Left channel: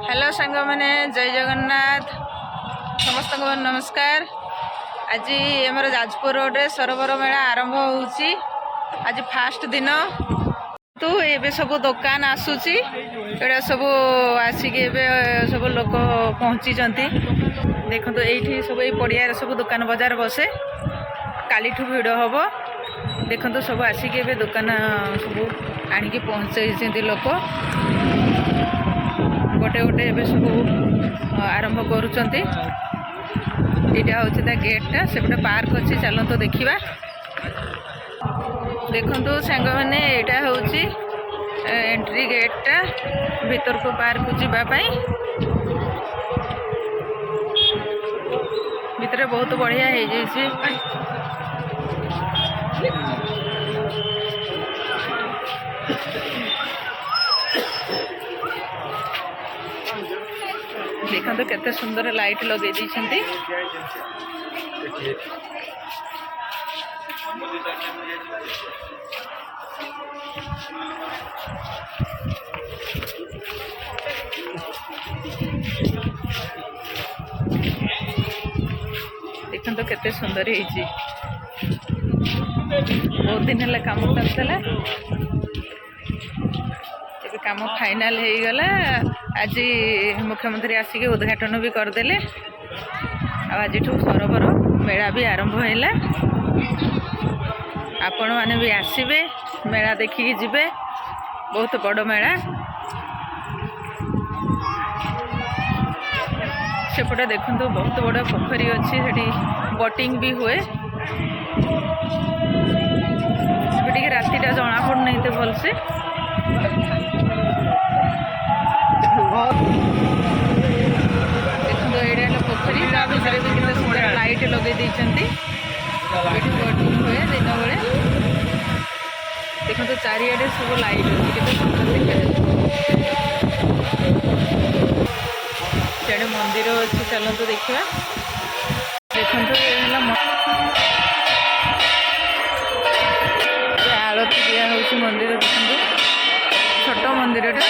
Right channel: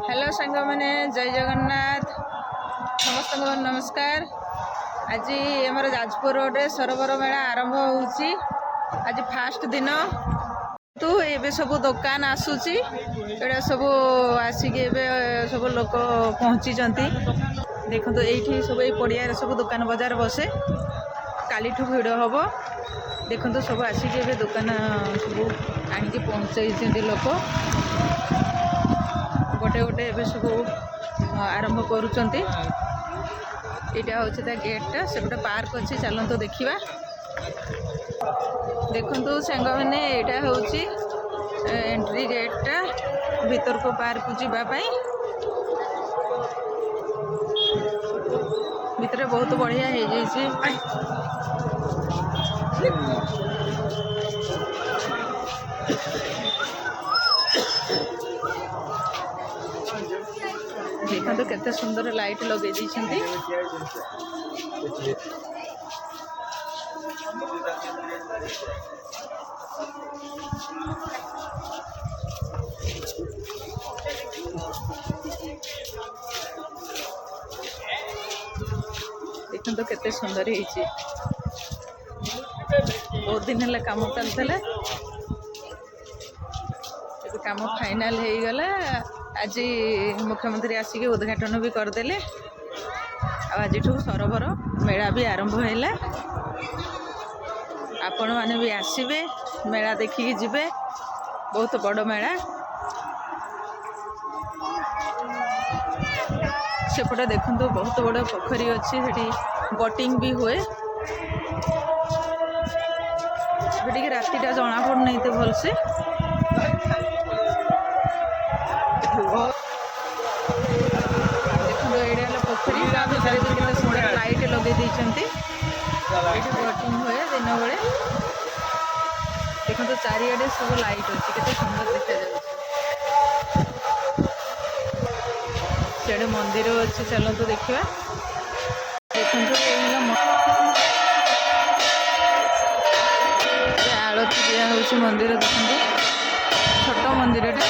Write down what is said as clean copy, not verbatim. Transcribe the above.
Hello सांग मैंने जय जगन्नाथ समस्त को नमस्कार। आज आम जाजपुर रोड रे सरोवर मेला आरंभ होउची। आज फास्ट दिन तो ये सब दुकान आसूची एटा सब आसिक सब लोक पहुँची देखो तो ये सब ये पड़िया सब दुकान बजार बसे काली ठू भिड़ हम देखो तो सब आसिक दुकान सब आणिकी पहुँचाई लोक गोटे गोटे ए सब आरंभ करुँच। यहाँ हूँ गेटा सेपटे पार्क अच्छी चलत देखा देखु सांग मैंने यहाँ हूँ एंट्री गेटा भीतर को पार्क जावाई भितर बहुत बढ़िया हो जाए। देखो तो केते सुंदर लाइट लगे दी देखो तो केते सुंदर है। बहुत दिन है काम चलता काम फाइनाल हो गला। आज मुख्यमंत्री आसिक उद्घाटन भी करदे। आज सरोवर मेला भी आरंभ है। आपण मैंने भी आसबे मेला देखिकी जिबे बहुत बड़ मेला। सेपटे देखो बहुत बड़ पोखरी अच्छी बोटिंग भी हुए। रातिटा जना पड़ना तो भलसे देखो ये पोखरी ता भर भी कितना सुंदर लाइट लगे बोटिंग हुए दिन बेले। देखो तो चारिआडे सब लाइट अच्छी केते सुंदर देखा। मंदिर अच्छी चलते देखा। देखो आरती दिया हूँ मंदिर देखो छोट मंदिरटा।